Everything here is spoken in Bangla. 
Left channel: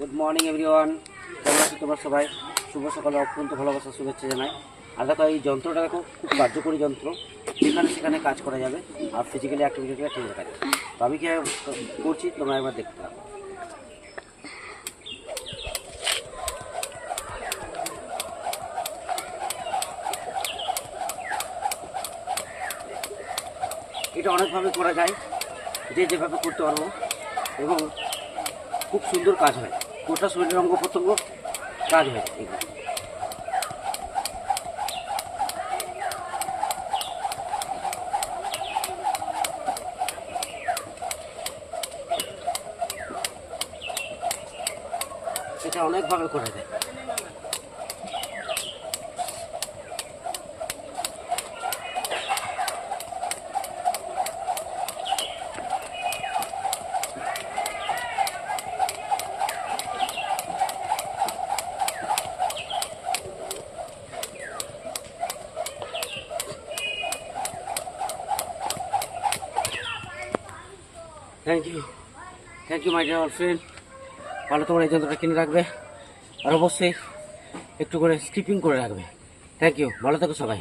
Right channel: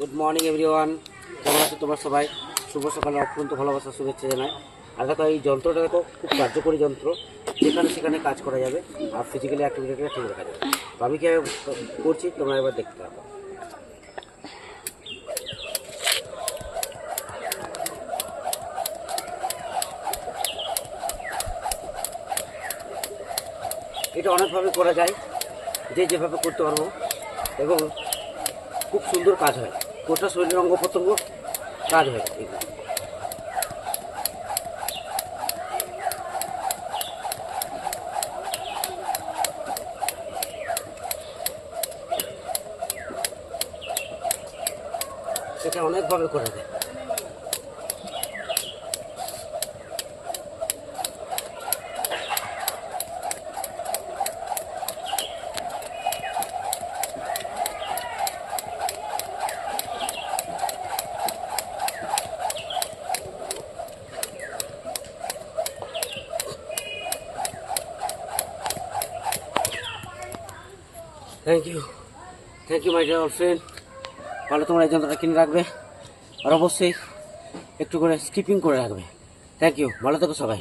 গুড মর্নিং এভরিওয়ান, কেমন আছো তোমরা সবাই? শুভ সকাল, অত্যন্ত ভালোবাসা, শুভেচ্ছা জানাই। আর দেখো, এই যন্ত্রটা দেখো খুব কার্যকরী যন্ত্র, যেখানে সেখানে কাজ করা যাবে আর ফিজিক্যালি অ্যাক্টিভিটিটা ঠিক থাকে। আমি কি করছি তোমরা একবার দেখতে পাবো। এটা অনেকভাবে করা যায়, যে যেভাবে করতে পারবো, এবং খুব সুন্দর কাজ হয়। গোটা শরীরের অঙ্গ প্রত্যঙ্গ কাজ হয় এগুলো। এটা অনেকভাবে করা যায়। Thank you my dear friend. ভালো তোমরা এই যন্ত্রটা কিনে রাখবে, আর অবশ্যই একটু করে স্কিপিং করে রাখবে। থ্যাংক ইউ, ভালো থাকো সবাই।